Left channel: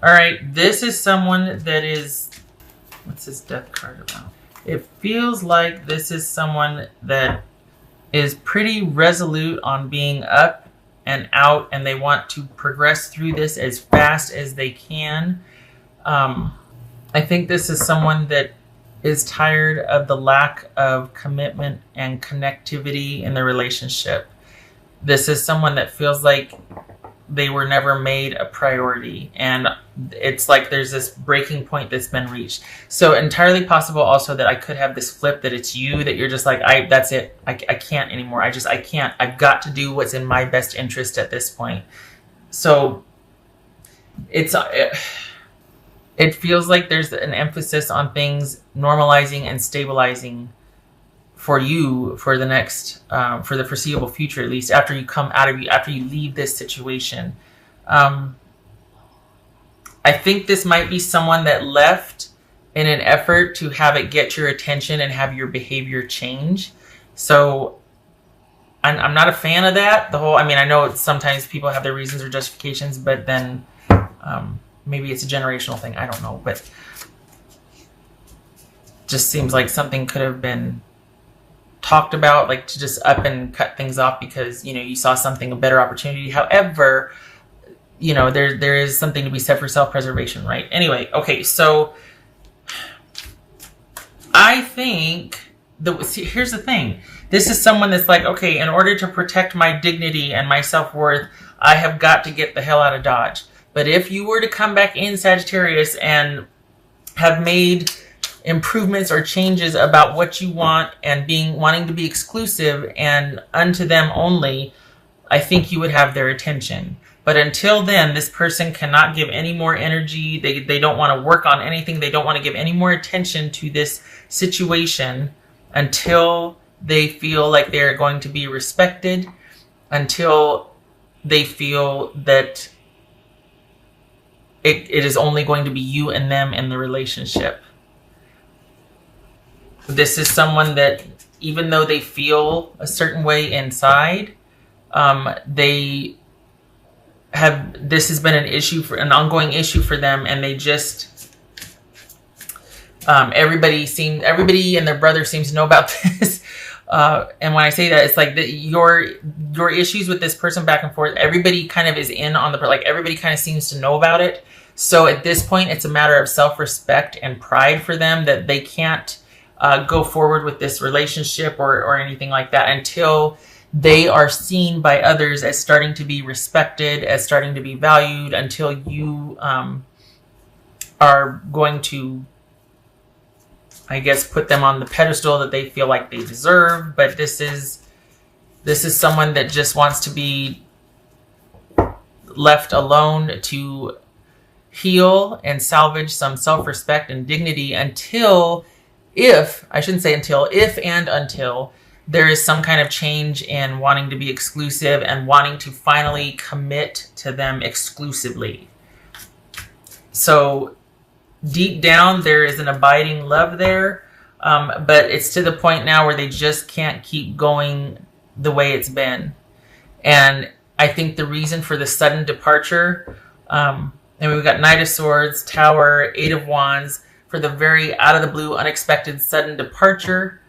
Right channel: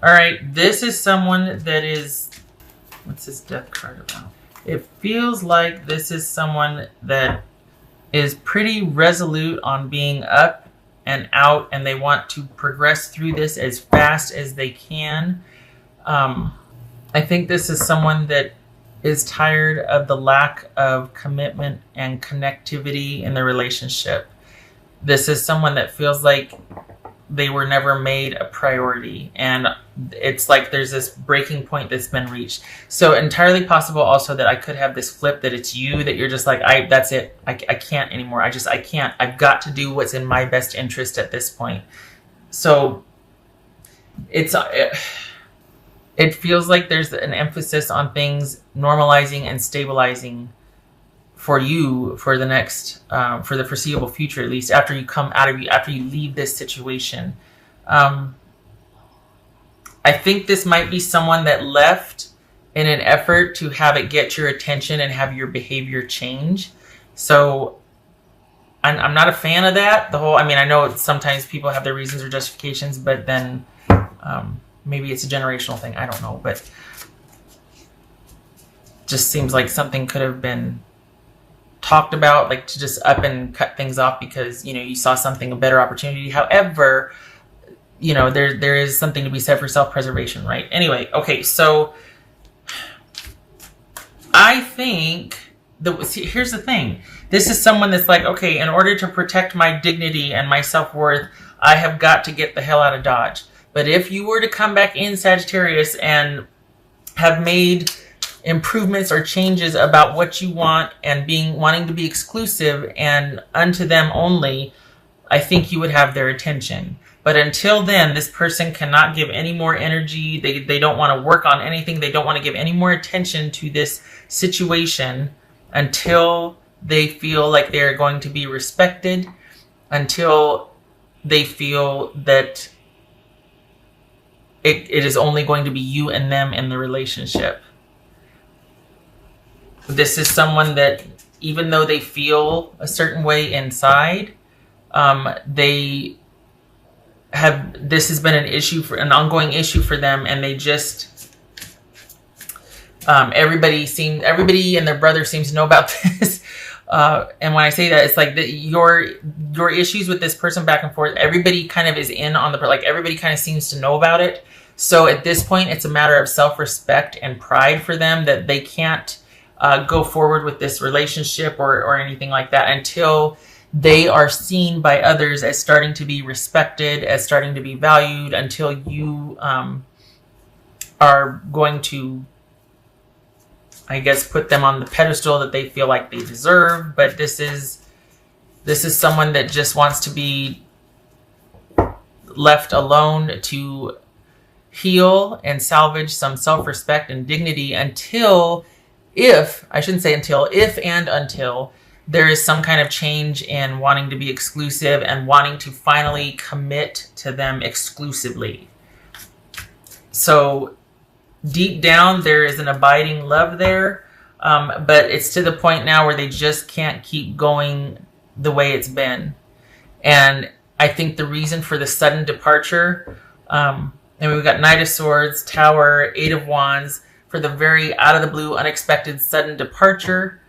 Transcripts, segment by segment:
All right, this is someone that is, what's this death card about? It feels like this is someone that is pretty resolute on being up and out, and they want to progress through this as fast as they can. I think this is someone that is tired of the lack of commitment and connectivity in the relationship. This is someone that feels like they were never made a priority, and it's like there's this breaking point that's been reached. So entirely possible also that I could have this flip, that it's you, that you're just like, that's it, I can't anymore, I can't, I've got to do what's in my best interest at this point. So it feels like there's an emphasis on things normalizing and stabilizing for you for the next, for the foreseeable future, at least after you come out of after you leave this situation. I think this might be someone that left in an effort to have it get your attention and have your behavior change. So I'm not a fan of that. I know sometimes people have their reasons or justifications, but then maybe it's a generational thing. I don't know, but just seems like something could have been talked about, like to just up and cut things off because, you saw something, a better opportunity. However, there is something to be said for self-preservation, right? Anyway, okay, so I think here's the thing. This is someone that's like, okay, in order to protect my dignity and my self-worth, I have got to get the hell out of Dodge. But if you were to come back in, Sagittarius, and have made improvements or changes about what you want and wanting to be exclusive and unto them only, I think you would have their attention. But until then, this person cannot give any more energy. They don't want to work on anything. They don't want to give any more attention to this situation until they feel like they're going to be respected, until they feel that it is only going to be you and them in the relationship. This is someone that, even though they feel a certain way inside, this has been an ongoing issue for them, and they just, everybody and their brother seems to know about this. And when I say that, it's like your issues with this person back and forth, everybody kind of is in on everybody kind of seems to know about it. So at this point, it's a matter of self-respect and pride for them that they can't go forward with this relationship or anything like that until they are seen by others as starting to be respected, as starting to be valued, until you are going to, I guess, put them on the pedestal that they feel like they deserve. But this is someone that just wants to be left alone to heal and salvage some self-respect and dignity until there is some kind of change in wanting to be exclusive and wanting to finally commit to them exclusively. So deep down, there is an abiding love there, but it's to the point now where they just can't keep going the way it's been. And I think the reason for the sudden departure, and we've got Knight of Swords, Tower, Eight of Wands, for the very out of the blue, unexpected, sudden departure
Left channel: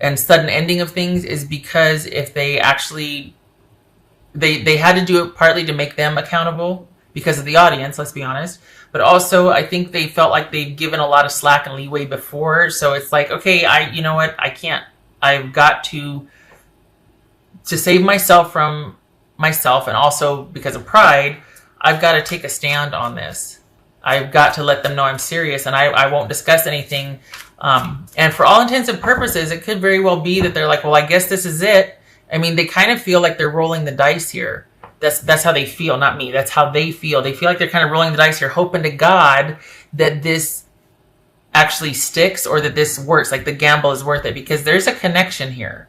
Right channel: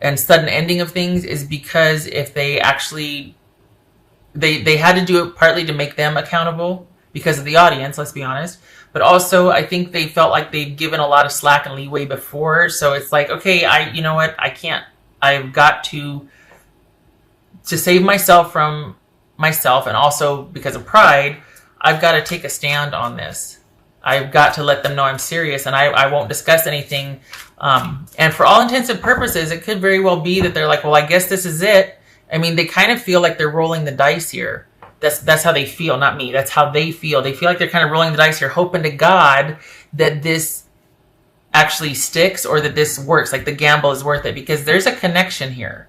and sudden ending of things, is because if they actually, they had to do it partly to make them accountable because of the audience, let's be honest. But also, I think they felt like they'd given a lot of slack and leeway before. So it's like, okay, you know what? I can't, I've got to save myself from myself, and also because of pride, I've got to take a stand on this. I've got to let them know I'm serious, and I won't discuss anything. And for all intents and purposes, it could very well be that they're like, well, I guess this is it. I mean, they kind of feel like they're rolling the dice here. That's how they feel, not me. That's how they feel. They feel like they're kind of rolling the dice here, hoping to God that this actually sticks or that this works, like the gamble is worth it, because there's a connection here.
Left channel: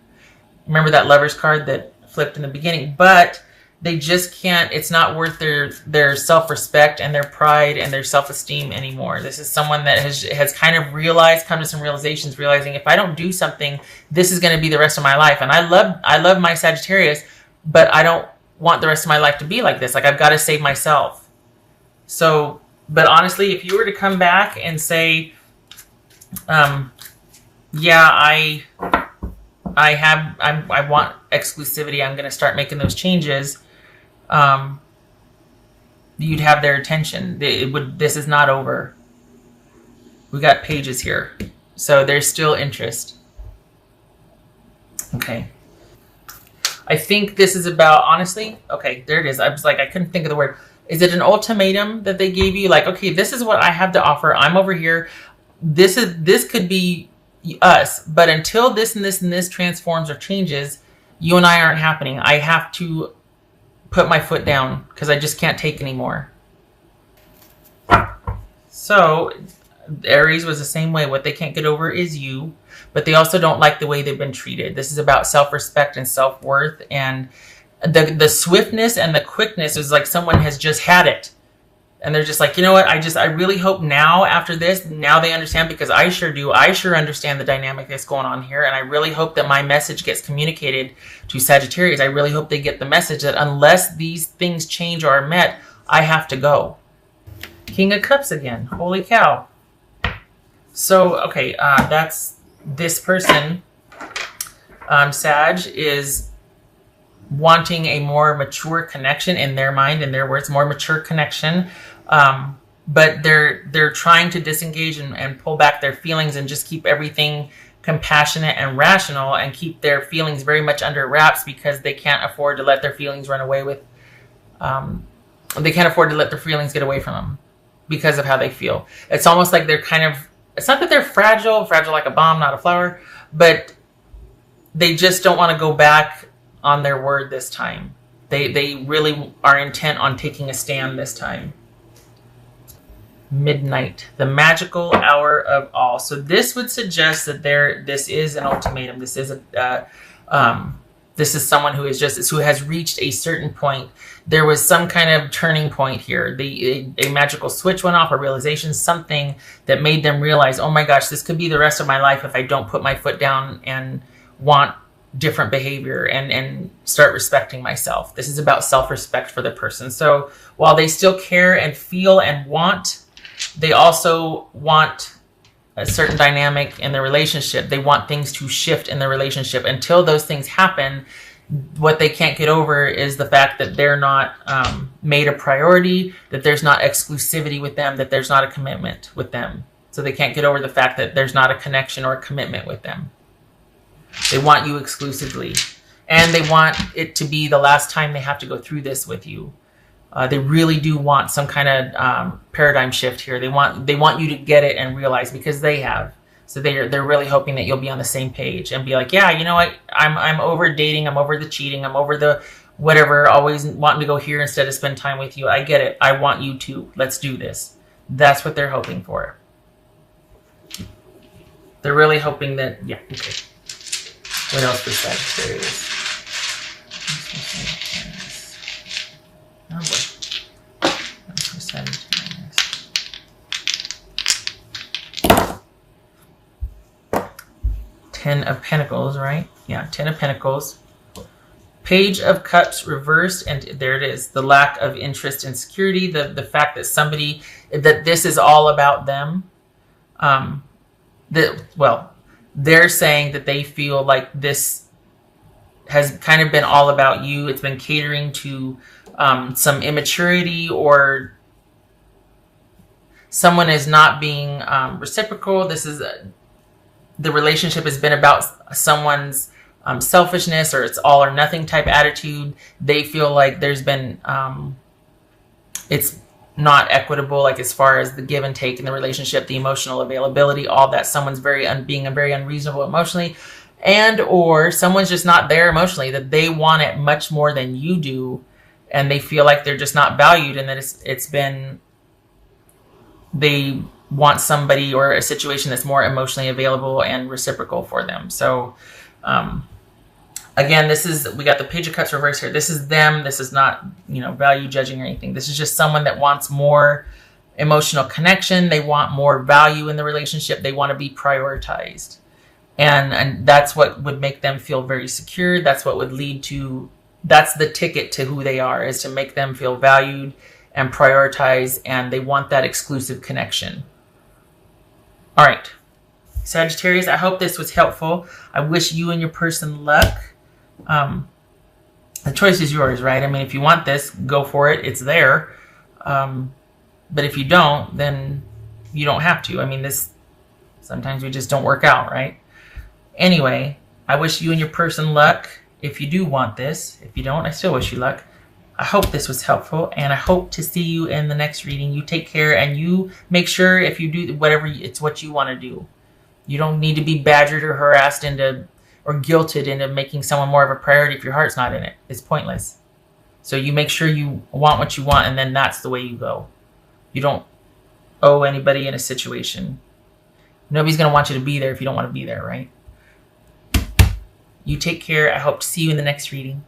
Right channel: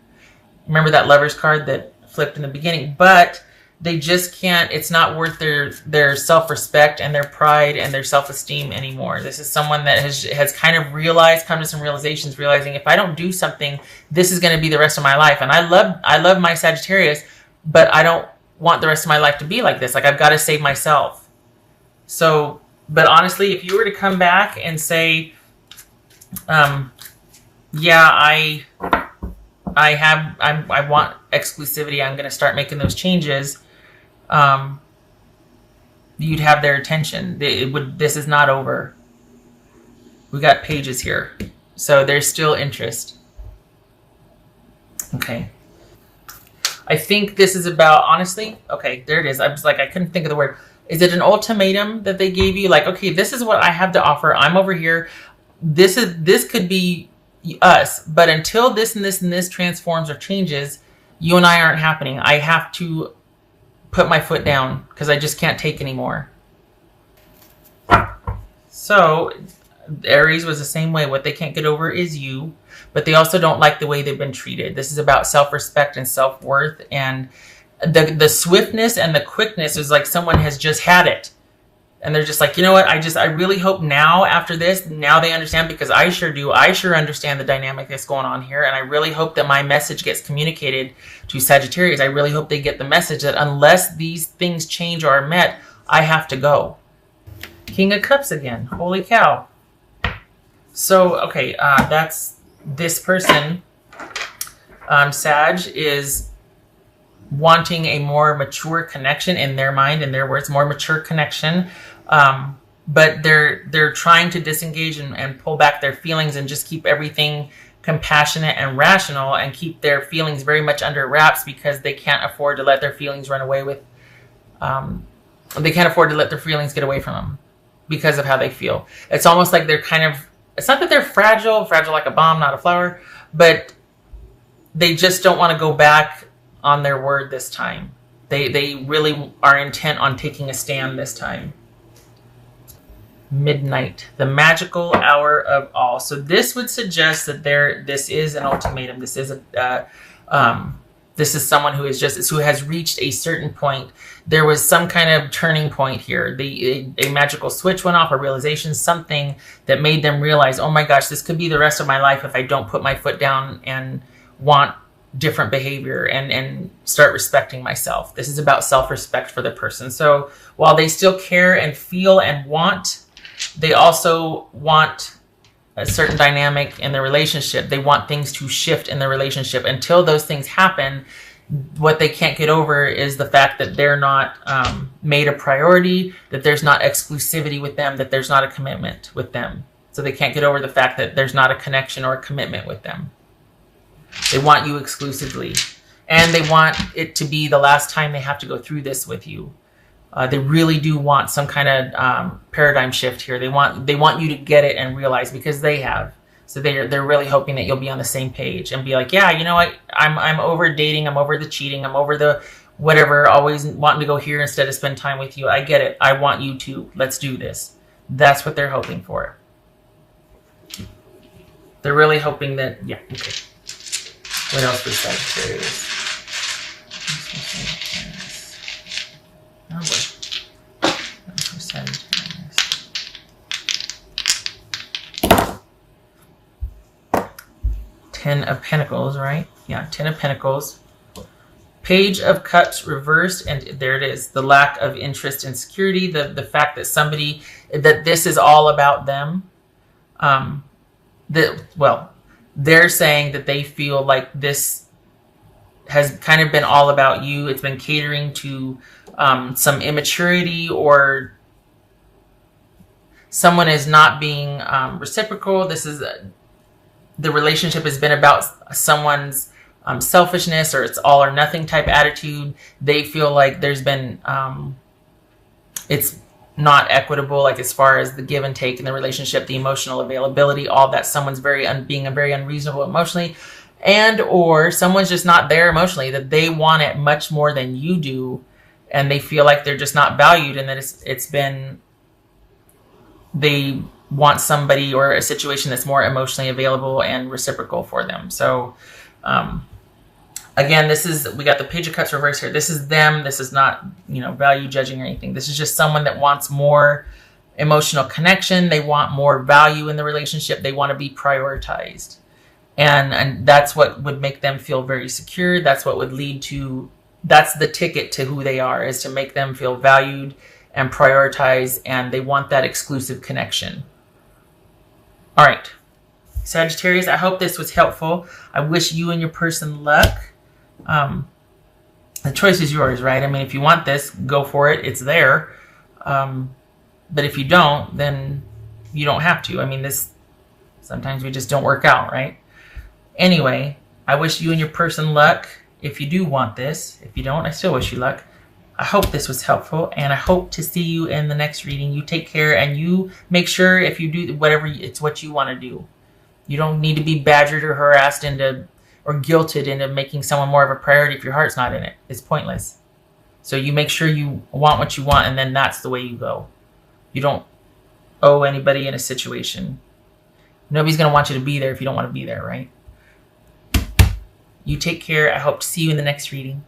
Remember that Lover's card that flipped in the beginning? But they just can't, it's not worth their self-respect and their pride and their self-esteem anymore. This is someone that has kind of come to some realizations, realizing if I don't do something, this is going to be the rest of my life. And I love my Sagittarius, but I don't want the rest of my life to be like this. Like, I've got to save myself. So But honestly, if you were to come back and say, yeah, I want exclusivity, I'm going to start making those changes, you'd have their attention. This is not over. We got pages here. So there's still interest. Okay. I think this is about, honestly, okay, there it is. I was like, I couldn't think of the word. Is it an ultimatum that they gave you? Like, okay, this is what I have to offer. I'm over here. This could be us, but until this and this and this transforms or changes, you and I aren't happening. I have to put my foot down because I just can't take anymore. So Aries was the same way. What they can't get over is you, but they also don't like the way they've been treated. This is about self-respect and self-worth, and the swiftness and the quickness is like someone has just had it. And they're just like, you know what? I really hope now after this, now they understand, because I sure do. I sure understand the dynamic that's going on here. And I really hope that my message gets communicated to Sagittarius. I really hope they get the message that unless these things change or are met, I have to go. King of Cups again. Holy cow. So, okay, that's this person, Sag, is wanting a more mature connection in their mind, in their words, more mature connection. But they're trying to disengage and pull back their feelings and just keep everything compassionate and rational and keep their feelings very much under wraps because they can't afford to let their feelings run away with, they can't afford to let their feelings get away from them because of how they feel. It's almost like they're kind of, it's not that they're fragile like a bomb, not a flower, but they just don't want to go back on their word this time. They really are intent on taking a stand this time. Midnight, the magical hour of all. So this would suggest that this is an ultimatum. This is this is someone who has reached a certain point. There was some kind of turning point here. A magical switch went off, a realization, something that made them realize, oh my gosh, this could be the rest of my life if I don't put my foot down and want different behavior and start respecting myself. This is about self-respect for the person. So while they still care and feel and want, they also want a certain dynamic in the relationship. They want things to shift in the relationship. Until those things happen, what they can't get over is the fact that they're not made a priority, that there's not exclusivity with them, that there's not a commitment with them. So they can't get over the fact that there's not a connection or a commitment with them. They want you exclusively. And they want it to be the last time they have to go through this with you. They really do want some kind of paradigm shift here. They want you to get it and realize, because they have. So they're really hoping that you'll be on the same page and be like, yeah, you know what? I'm over dating. I'm over the cheating. I'm over the whatever. Always wanting to go here instead of spend time with you. I get it. I want you to. Let's do this. That's what they're hoping for. They're really hoping that. Yeah. Okay. What else was Sagittarius? 10 of Pentacles, right? Yeah, 10 of Pentacles. Page of Cups reversed, and there it is. The lack of interest and security, the fact that that this is all about them. They're saying that they feel like this has kind of been all about you. It's been catering to some immaturity, or someone is not being reciprocal. This is the relationship has been about someone's selfishness, or it's all or nothing type attitude. They feel like there's been it's not equitable, like as far as the give and take in the relationship, the emotional availability, all that. Someone's being very unreasonable emotionally, and or someone's just not there emotionally, that they want it much more than you do, and they feel like they're just not valued, and that they want somebody or a situation that's more emotionally available and reciprocal for them. So again, we got the Page of Cups reverse here. This is them. This is not, value judging or anything. This is just someone that wants more emotional connection. They want more value in the relationship. They want to be prioritized. And that's what would make them feel very secure. That's what would lead to, that's the ticket to who they are, is to make them feel valued and prioritize, and they want that exclusive connection. All right, Sagittarius, I hope this was helpful. I wish you and your person luck. The choice is yours, right? I mean, if you want this, go for it. It's there. But if you don't, then you don't have to. I mean, sometimes we just don't work out, right? Anyway, I wish you and your person luck if you do want this. If you don't, I still wish you luck. I hope this was helpful, and I hope to see you in the next reading. You take care, and you make sure if you do whatever, it's what you want to do. You don't need to be badgered or harassed or guilted into making someone more of a priority if your heart's not in it. It's pointless. So you make sure you want what you want, and then that's the way you go. You don't owe anybody in a situation. Nobody's going to want you to be there if you don't want to be there, right? You take care. I hope to see you in the next reading.